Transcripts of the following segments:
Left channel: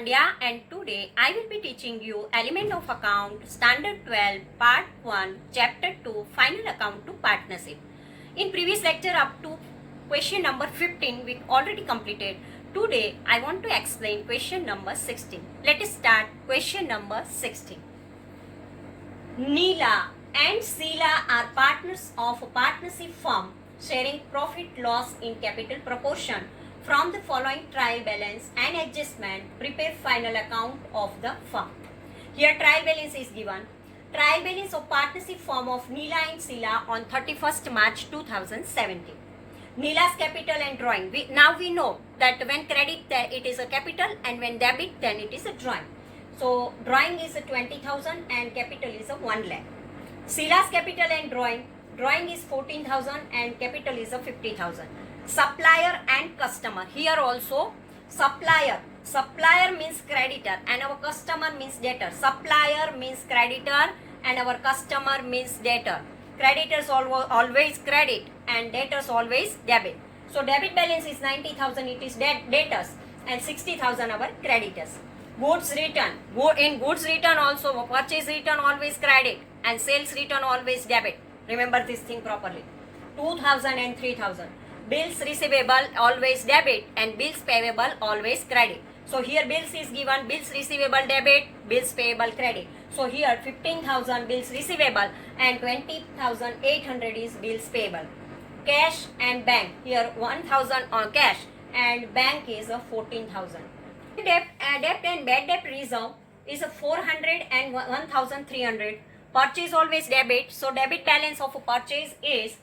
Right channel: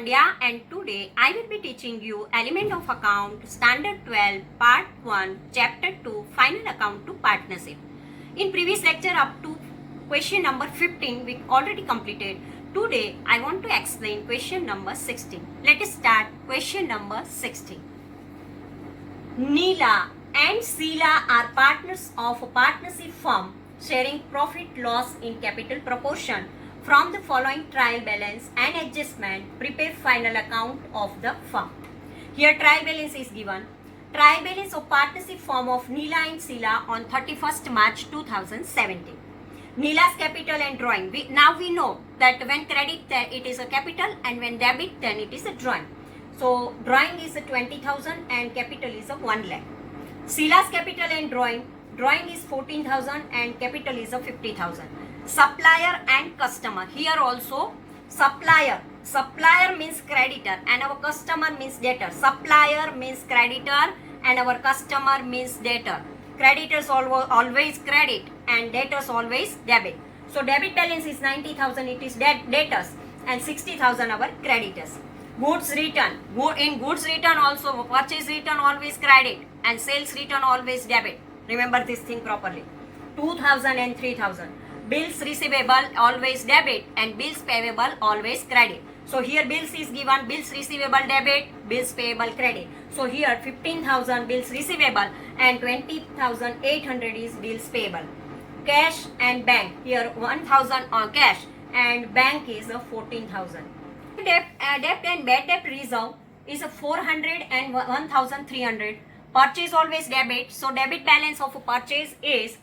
Pandya and today I will be teaching you Element of Account Standard 12 Part 1 Chapter 2 Final Account to Partnership. In previous lecture up to question number 15 we already completed. Today I want to explain question number 16. Let us start question number 16. Neela and Sheila are partners of a partnership firm sharing profit loss in capital proportion. From the following trial balance and adjustment, prepare final account of the firm. Here trial balance is given. Trial balance of partnership firm of Neela and Sheila on 31st March 2017. Neela's capital and drawing. Now we know that when credit it is a capital and when debit then it is a drawing. So drawing is a 20,000 and capital is a 1 lakh. Sheila's capital and drawing is 14,000 and capital is a 50,000. Supplier and customer. Here also supplier means creditor and our customer means debtor. Supplier means creditor and our customer means debtor. Creditors always credit and debtors always debit. So debit balance is 90,000, it is debtors, and 60,000 our creditors. Goods return. In goods return also purchase return always credit and sales return always debit. Remember this thing properly. 2,000 and 3,000. Bills receivable always debit and bills payable always credit. So here bills is given, bills receivable debit, bills payable credit. So here 15,000 bills receivable and 20,800 is bills payable. Cash and bank. Here 1,000 on cash and bank is a 14,000. Debt and bad debt reserve is a 400 and 1,300. Purchase always debit. So debit balance of a purchase is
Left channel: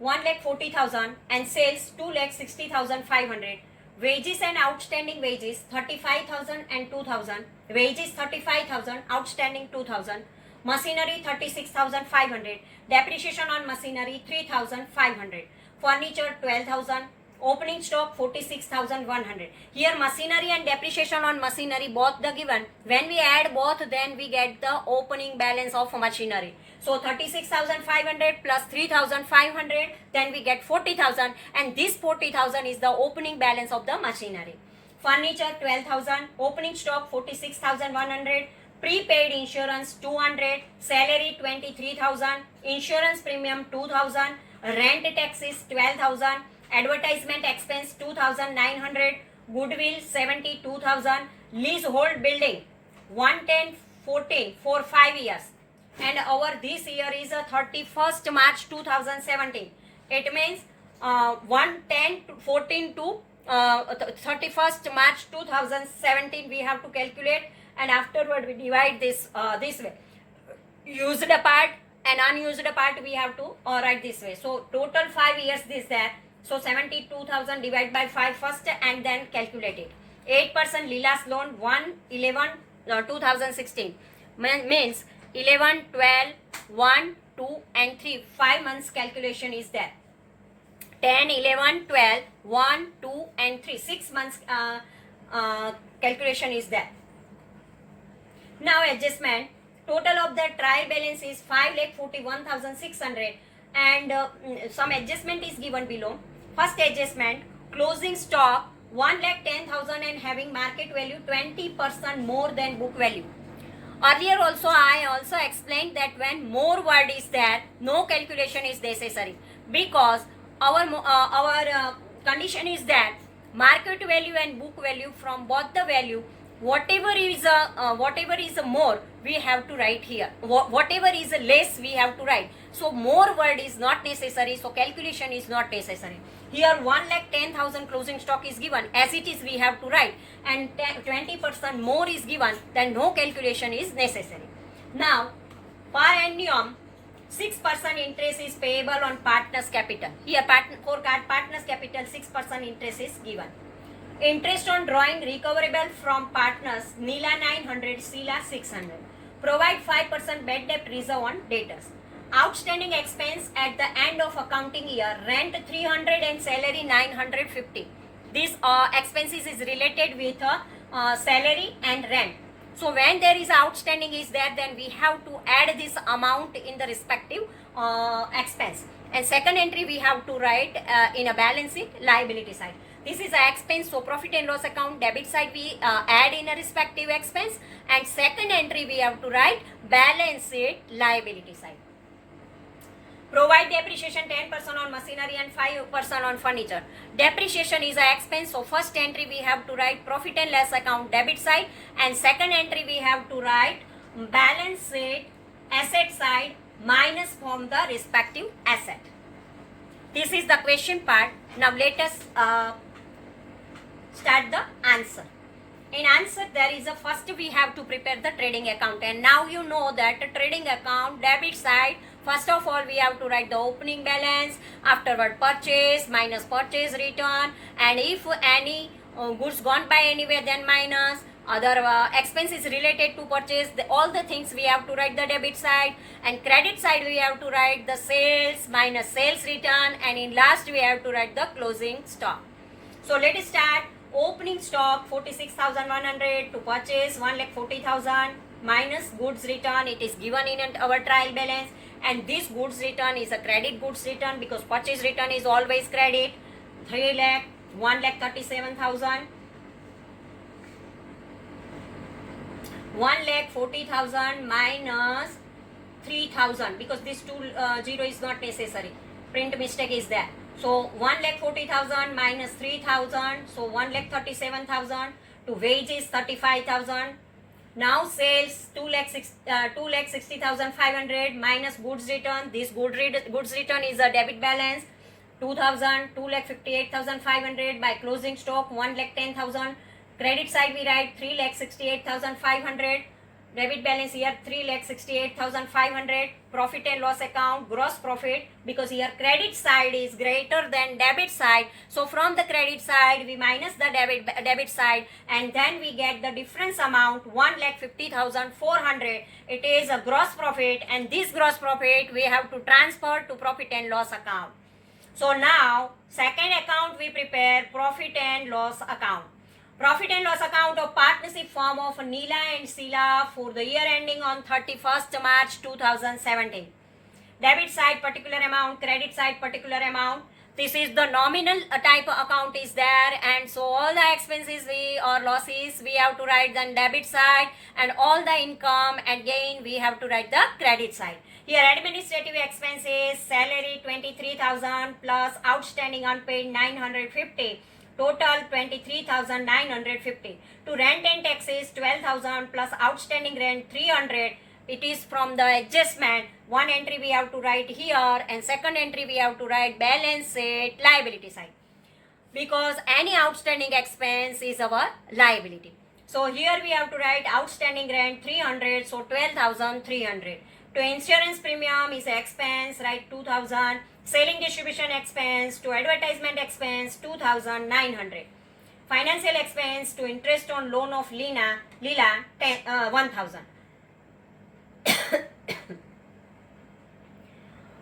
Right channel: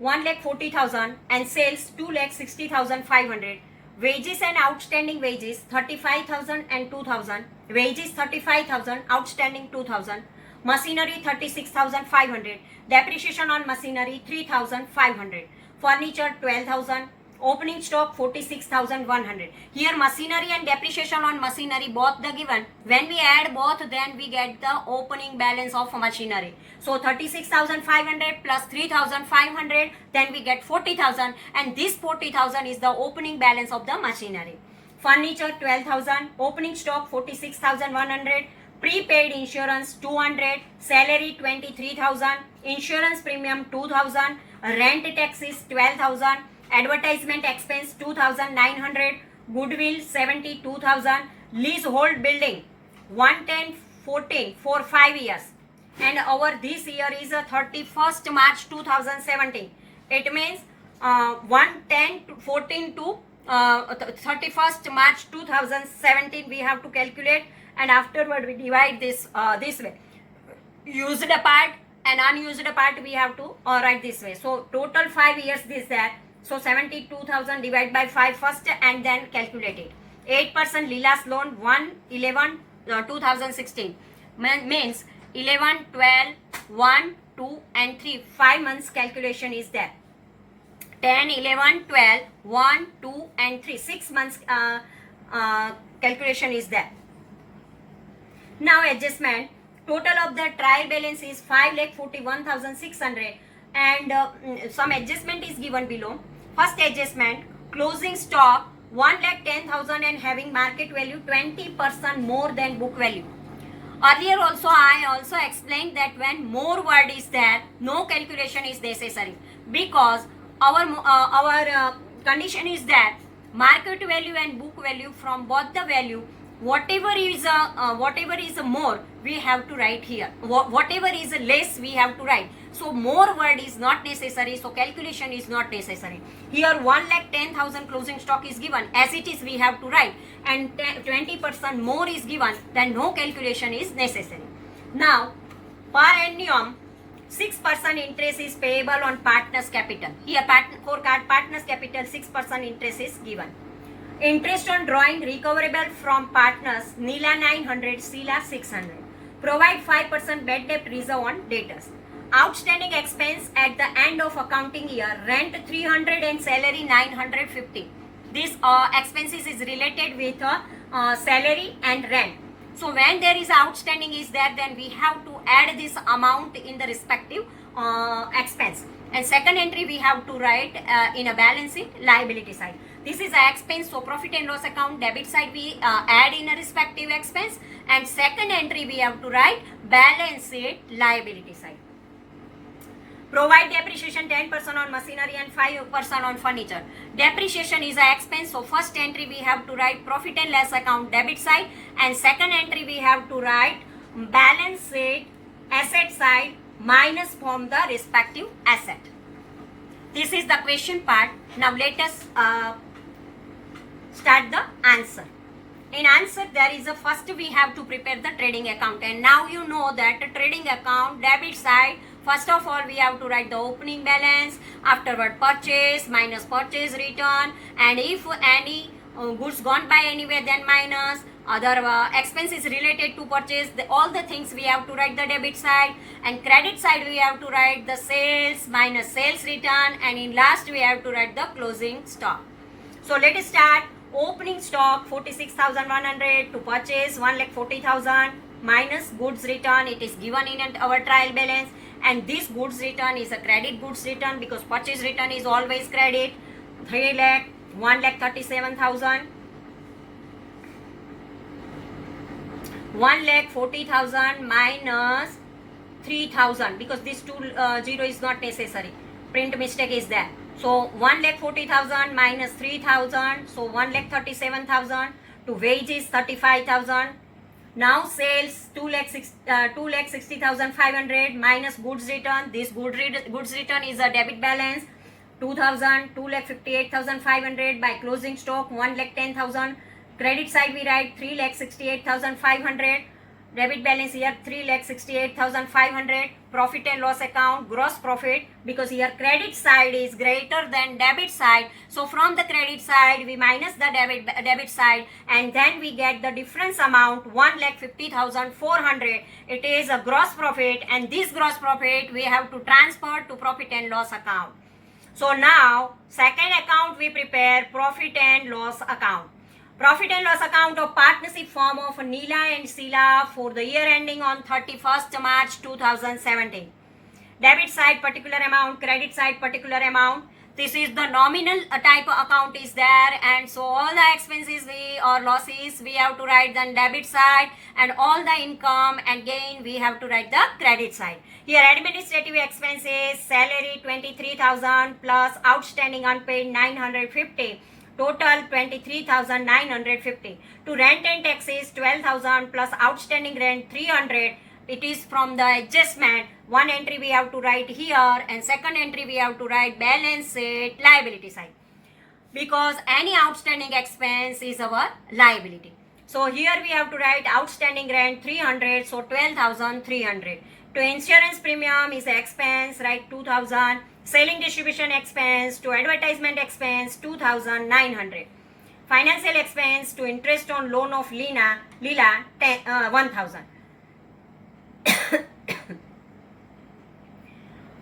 1,40,000 and sales 2,60,500. Wages and outstanding wages 35,000 and 2,000. Wages 35,000, outstanding 2,000. Machinery 36,500. Depreciation on machinery 3,500. Furniture 12,000. Opening stock 46,100. Here machinery and depreciation on machinery both the given. When we add both then we get the opening balance of machinery. So 36,500 plus 3,500 then we get 40,000 and this 40,000 is the opening balance of the machinery. Furniture 12,000. Opening stock 46,100. Prepaid insurance 200. Salary 23,000. Insurance premium 2,000. Rent taxes 12,000. Advertisement expense 2,900, goodwill 72,000, leasehold building 11014 for 5 years, and our this year is 31st March 2017. It means 11014 to 31st March 2017 we have to calculate, and afterward we divide this way. Used part and unused part we have to write this way. So total 5 years this there. So 72,000 divided by 5 first and then calculate it. 8% Leela's loan 1/11/2016 means 11, 12, 1, 2 and 3. 5 months calculation is there. 10, 11, 12, 1, 2 and 3. 6 months calculation is there. Now adjustment. Total of the trial balance is 5,41,600 and some adjustment is given below. First adjustment, closing stock 1,10,000 and having market value 20% more than book value. Earlier also I also explained that when more word is there, no calculation is necessary because our condition is that market value and book value, from both the value, whatever is more we have to write here. Whatever is less we have to write. So more word is not necessary. So calculation is not necessary. Here 1,10,000 closing stock is given. As it is we have to write. And 20% more is given. Then no calculation is necessary. Now per annum 6% interest is payable on partner's capital. Here for partner's capital 6% interest is given. Interest on drawing recoverable from partners Neela 900, Sheila 600. Provide 5% bad debt reserve on debtors. Outstanding expense at the end of accounting year, rent 300 and salary 950. This expenses is related with salary and rent. So when there is outstanding is there, then we have to add this amount in the respective expense. And second entry we have to write in a balance sheet liability side. This is a expense, so profit and loss account debit side we add in a respective expense, and second entry we have to write balance sheet liability side. Provide depreciation 10% on machinery and 5% on furniture. Depreciation is an expense, so first entry we have to write profit and loss account debit side, and second entry we have to write balance sheet asset side minus from the respective asset. This is the question part. Now let us start the answer. In answer, there is a first we have to prepare the trading account, and now you know that the trading account debit side, first of all we have to write the opening balance, afterward purchase minus purchase return, and if any goods gone by anywhere then minus other expenses related to purchase, all the things we have to write the debit side, and credit side we have to write the sales minus sales return, and in last we have to write the closing stock. So let us start. Opening stock 46,100 to purchase 1,40,000 minus goods return, it is given in our trial balance, and this goods return is a credit goods return because purchase return is always credit. 3 lakh 1,37,000, 1,40,000 minus 3,000 because this 0 is not necessary, print mistake is there. So 1,40,000 minus 3,000, so 1,37,000 to wages 35,000. Now sales 2,60,500 minus goods return. This goods return is a debit balance 2,000, 2,58,500 by closing stock 1,10,000. Credit side we write 3,68,500. Debit balance here 3,68,500. Profit and loss account gross profit, because here credit side is greater than debit side, so from the credit side we minus the debit side, and then we get the difference amount 1,50,400. It is a gross profit, and this gross profit we have to transfer to profit and loss account. So now second account we prepare profit and loss account. Profit and loss account of partnership firm of Neela and Sheila for the year ending on 31st March 2017. Debit side particular amount, credit side particular amount. This is the nominal type of account is there, and so all the expenses or losses we have to write the debit side, and all the income and gain we have to write the credit side. Here administrative expenses, salary 23,000 plus outstanding unpaid 950. Total 23,950. To rent and taxes 12,000 plus outstanding rent 300. It is from the adjustment. One entry we have to write here, and second entry we have to write balance sheet liability side, because any outstanding expense is our liability. So here we have to write outstanding rent 300, so 12,300. To insurance premium is expense, write 2,000. Selling distribution expense to advertisement expense 2,900. Financial expense to interest on loan of Leela 1,000.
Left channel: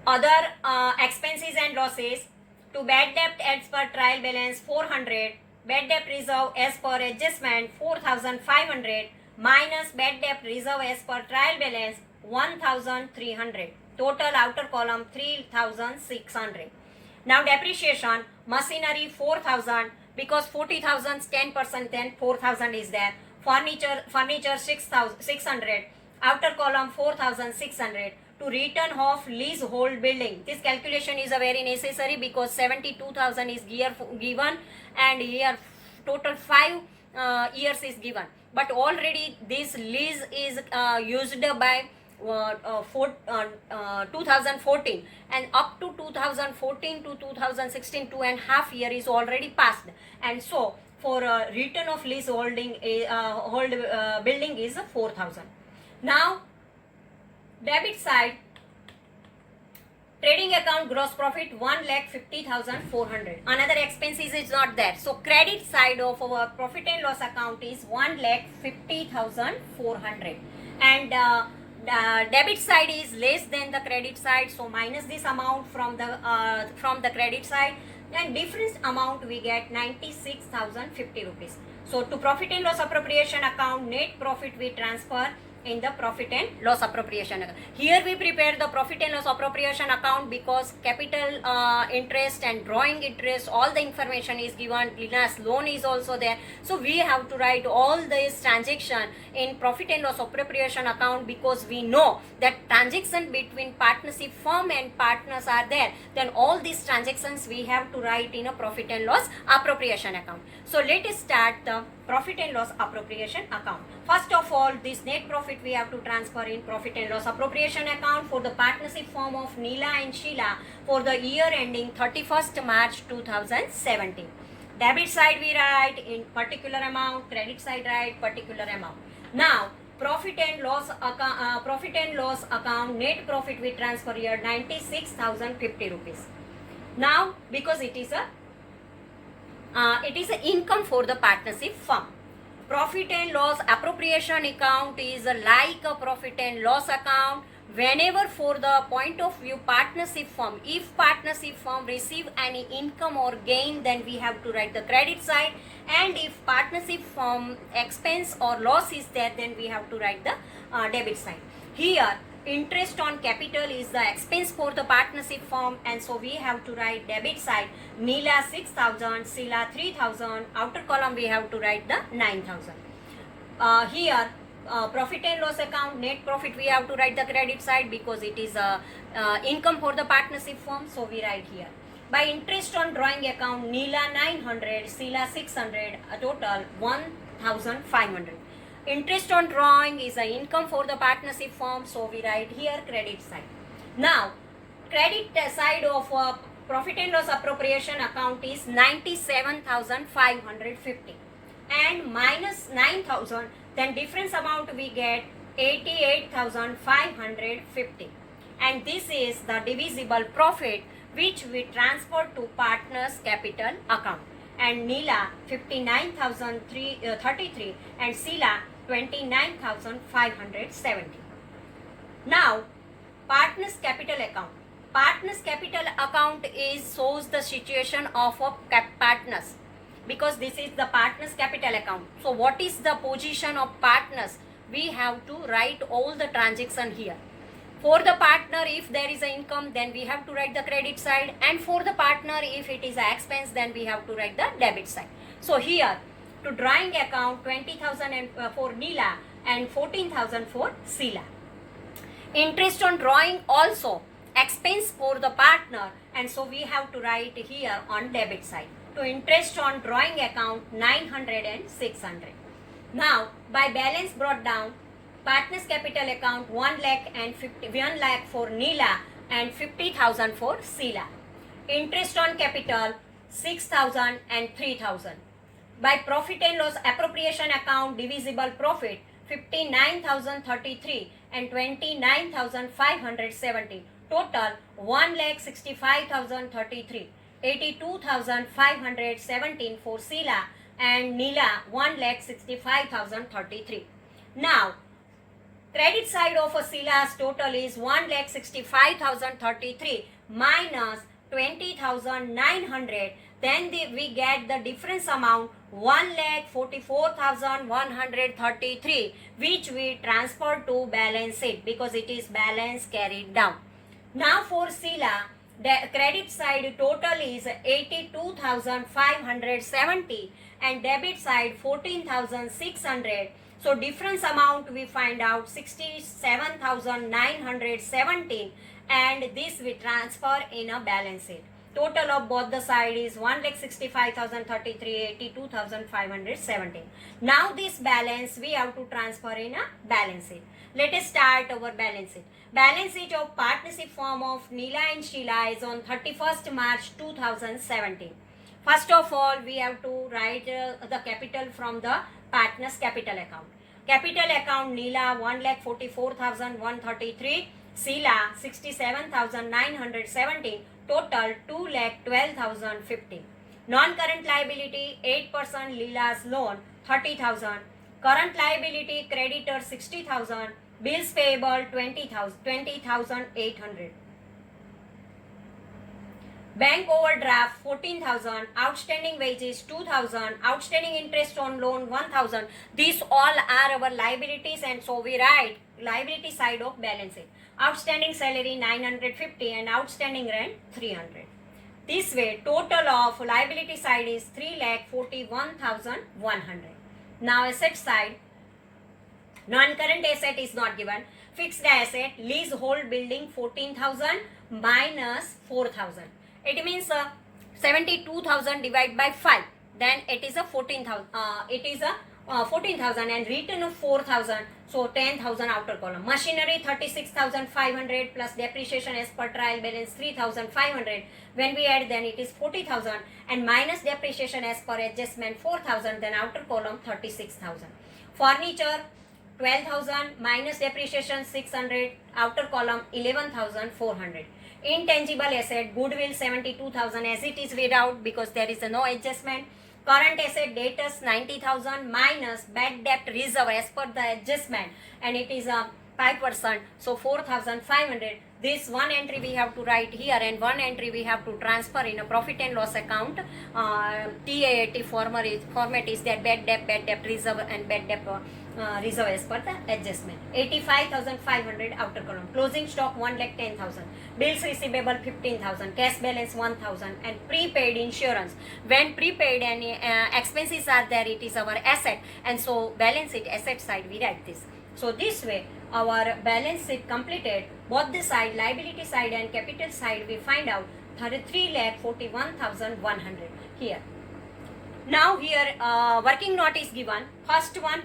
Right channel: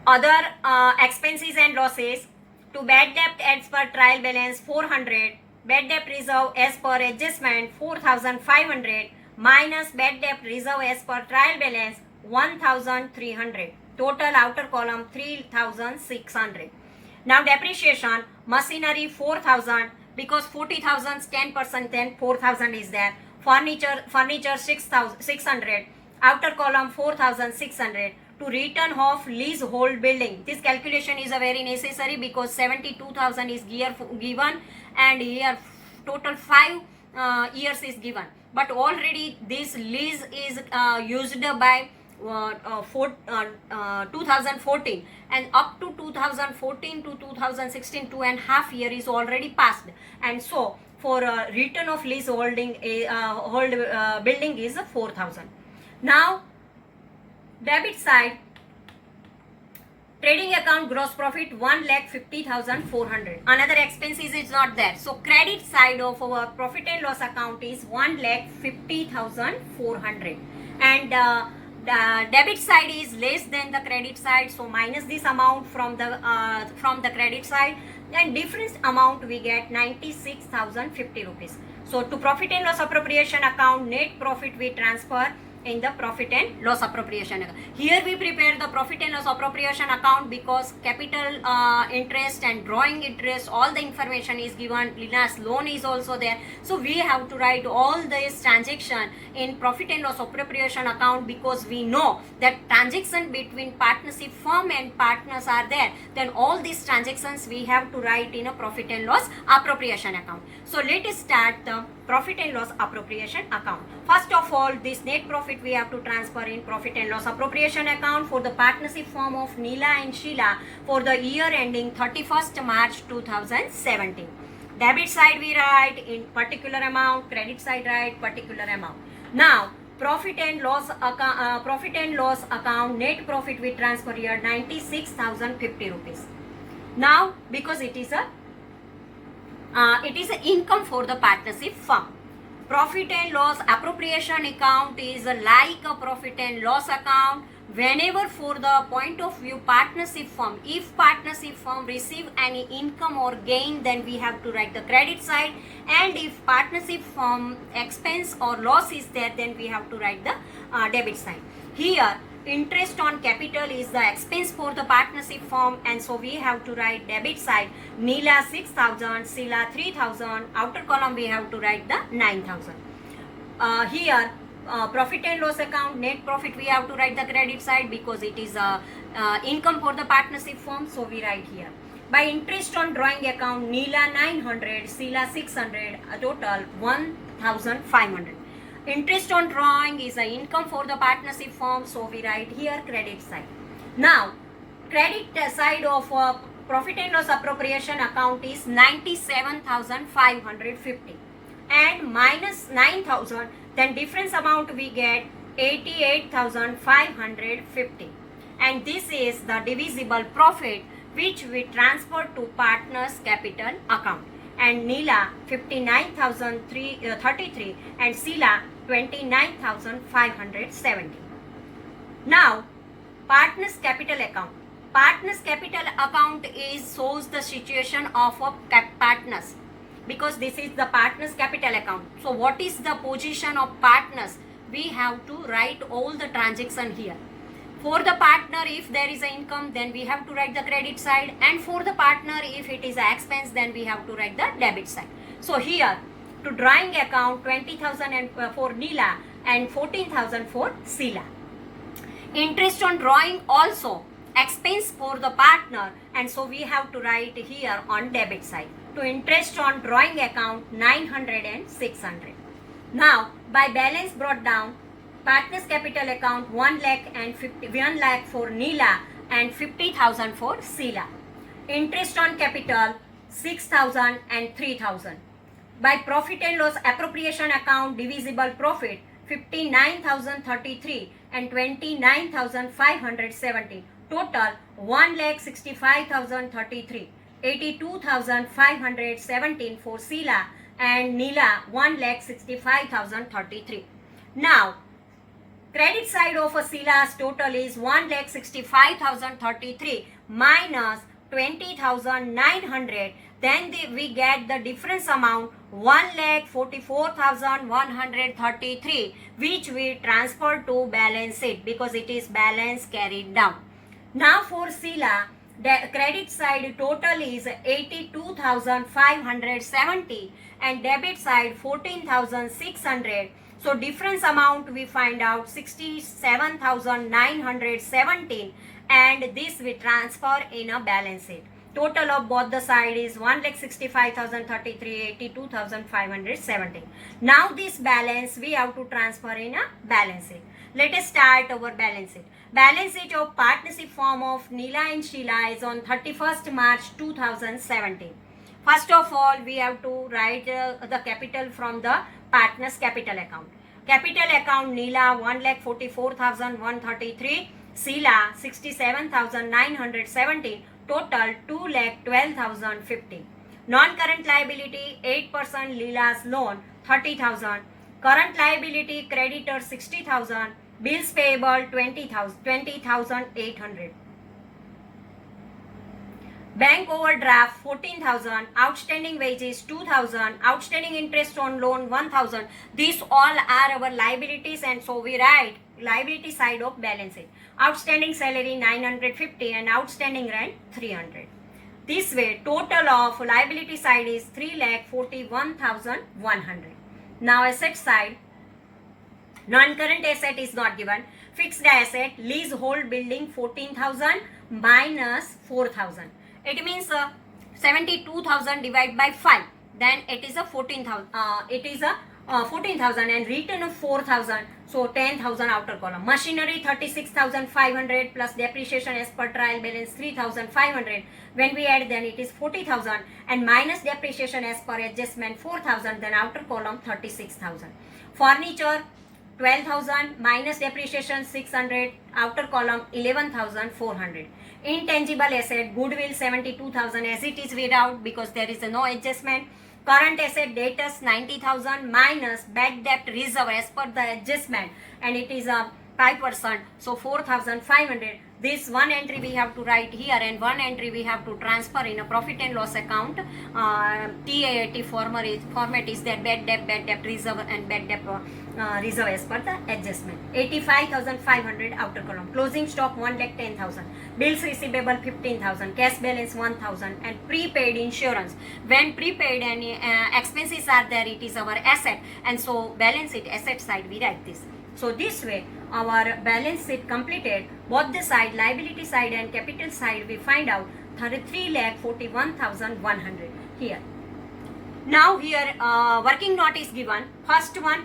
Other expenses and losses, to bad debt as per trial balance 400, bad debt reserve as per adjustment 4,500 minus bad debt reserve as per trial balance 1,300. Total outer column 3,600. Now depreciation, machinery 4,000 because 40,000 10%, then 4,000 is there. Furniture 6,600. Outer column 4,600. To return of leasehold building. This calculation is a very necessary because 72,000 is here given, and here total 5 years is given. But already this lease is used by 2014, and up to 2014 to 2016 2.5 year is already passed, and so for return of lease building is 4,000. Now debit side, trading account gross profit 1,50,400. Another expenses is not there, so credit side of our profit and loss account is 1,50,400, and the debit side is less than the credit side, so minus this amount from the credit side, then difference amount we get 96,050 rupees. So to profit and loss appropriation account, net profit we transfer in the profit and loss appropriation account. Here we prepare the profit and loss appropriation account because capital interest and drawing interest, all the information is given. Leela's loan is also there. So we have to write all this transaction in profit and loss appropriation account because we know that transaction between partnership firm and partners are there. Then all these transactions we have to write in a profit and loss appropriation account. So let us start the profit and loss appropriation account. First of all, this net profit we have to transfer in profit and loss appropriation account for the partnership firm of Neela and Sheila for the year ending 31st March 2017. Debit side we write in particular amount, credit side write particular amount. Now profit and loss account net profit we transfer here 96,050 rupees. Now because it is an income for the partnership firm. Profit and loss appropriation account is like a profit and loss account whenever for the point of view partnership firm, if partnership firm receive any income or gain, then we have to write the credit side, and if partnership firm expense or loss is there, then we have to write the debit side. Here interest on capital is the expense for the partnership firm, and so we have to write debit side Neela 6,000, Sheila 3,000, outer column we have to write the 9,000. Here profit and loss account net profit we have to write the credit side because it is income for the partnership firm, so we write here. By interest on drawing account Neela 900, Sheila 600, a total 1,500. Interest on drawing is an income for the partnership firm, so we write here credit side. Now credit side of profit and loss appropriation account is 97,550 and minus 9,000, then difference amount we get 88,550, and this is the divisible profit which we transfer to partners capital account. And Neela 59,033 and Sheila 29,570. Now partners capital account. Partners capital account shows the situation of a partners because this is the partners capital account. So what is the position of partners? We have to write all the transaction here. For the partner, if there is an income, then we have to write the credit side, and for the partner, if it is an expense, then we have to write the debit side. So here to drawing account 20,000 for Neela and 14,000 for Sheila. Interest on drawing also expense for the partner, and so we have to write here on debit side. To interest on drawing account 900 and 600. Now by balance brought down, partners capital account 1 lakh for Neela and 50,000 for Sheila. Interest on capital 6,000 and 3,000. By profit and loss appropriation account divisible profit 59,033 and 29,570. Total 1,65,033. 82,517 for Sheila and Neela 1,65,033. Now credit side of a Sheila's total is 1,65,033 minus 20,900. Then we get the difference amount 1,44,133, which we transfer to balance sheet because it is balance carried down. Now for Sheila, the credit side total is 82,570 and debit side 14,600. So difference amount we find out 67,917, and this we transfer in a balance sheet. Total of both the side is 1,65,033, 82,517. Now this balance we have to transfer in a balance sheet. Let us start our balance sheet. Balance sheet of partnership firm of Neela and Sheila is on 31st March 2017. First of all, we have to write the capital from the partners capital account. Capital account Neela 1,44,133, Sheila 67,917, total 2,12,050. Non-current liability 8% Leela's loan 30,000. Current liability creditor 60,000. Bills payable 20,800. bank overdraft 14,000, outstanding wages 2,000, outstanding interest on loan 1,000. These all are our liabilities, and so we write liability side of balance sheet. Outstanding salary 950 and outstanding rent 300. This way, total of liability side is 3,41,100. Now asset side, non-current asset is not given. Fixed asset, leasehold building 14,000 minus 4,000. It means 72,000 divided by 5. Then it is a 14,000. It is a 14,000 and return of 4,000. So 10,000 outer column. Machinery 36,500 plus depreciation as per trial balance 3,500. When we add, then it is 40,000 and minus depreciation as per adjustment 4,000. Then outer column 36,000. Furniture 12,000 minus depreciation 600, outer column 11,400. Intangible asset, goodwill 72,000 as it is without because there is no adjustment. Current asset, debtors 90,000 minus bad debt reserve as per the adjustment, and it is a 5%, so 4,500. This one entry we have to write here and one entry we have to transfer in a profit and loss account. TAAT format is that bad debt reserve and bad debt reserve as per the adjustment. 85,500 outer column. Closing stock 1,10,000. Bills receivable 15,000. Cash balance 1,000 and prepaid insurance. When prepaid and expenses are there, it is our asset, and so balance sheet asset side we write this. So this way our balance sheet completed, both the side, liability side and capital side, we find out 3,41,100 here. Now here working note is given. First one,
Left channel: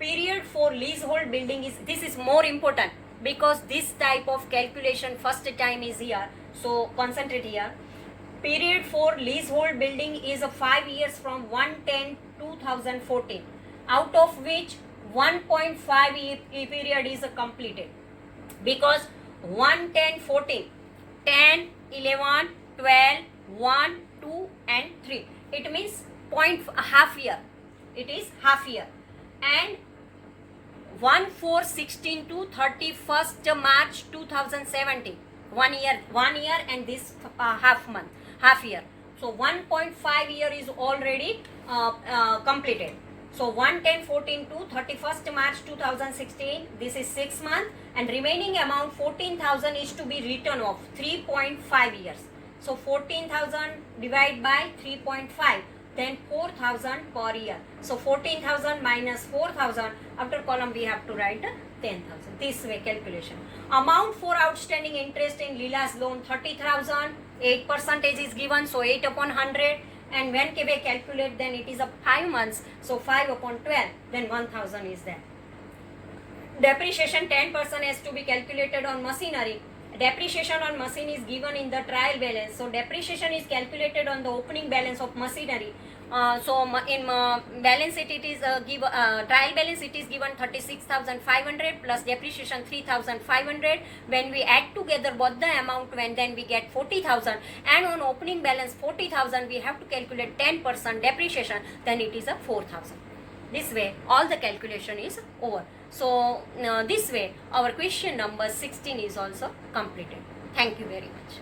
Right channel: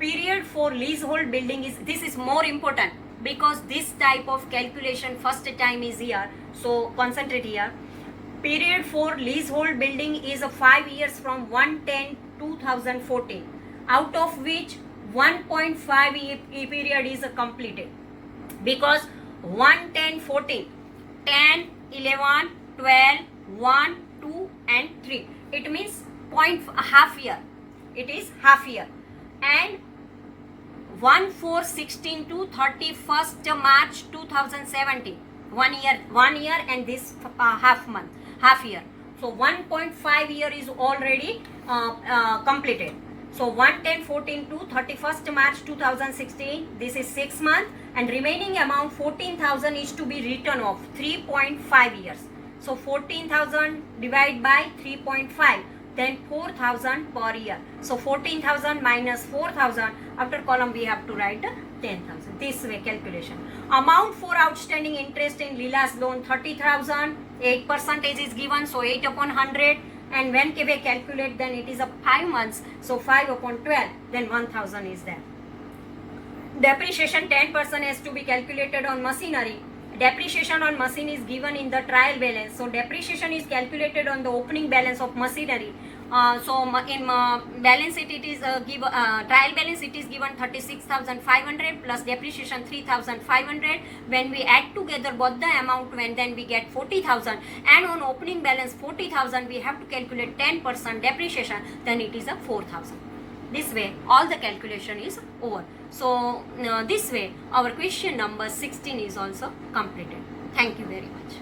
period for leasehold building is, this is more important because this type of calculation first time is here, so concentrate here. Period for leasehold building is 5 years from 1/10/2014, out of which 1.5 year period is completed because 1/10/14, 10, 11, 12, 1, 2 and 3. It means half year. It is half year. And 1/4/16 to 31st March 2017. 1 year and this half year. So 1.5 year is already completed. So 1/10/14 to 31st March 2016, this is 6 months, and remaining amount 14,000 is to be written off 3.5 years. So 14,000 divided by 3.5, then 4,000 per year. So 14,000 minus 4,000, after column we have to write 10,000. This way calculation. Amount for outstanding interest in Leela's loan 30,000, 8% is given, so 8 upon 100. And when we calculate, then it is 5 months, so 5 upon 12, then 1,000 is there. Depreciation 10% has to be calculated on machinery. Depreciation on machine is given in the trial balance, so depreciation is calculated on the opening balance of machinery. In balance sheet it is trial balance it is given 36,500 plus depreciation 3,500. When we add together both the amount, then we get 40,000, and on opening balance 40,000 we have to calculate 10% depreciation, then it is 4,000. This way all the calculation is over. So this way our question number 16 is also completed. Thank you very much.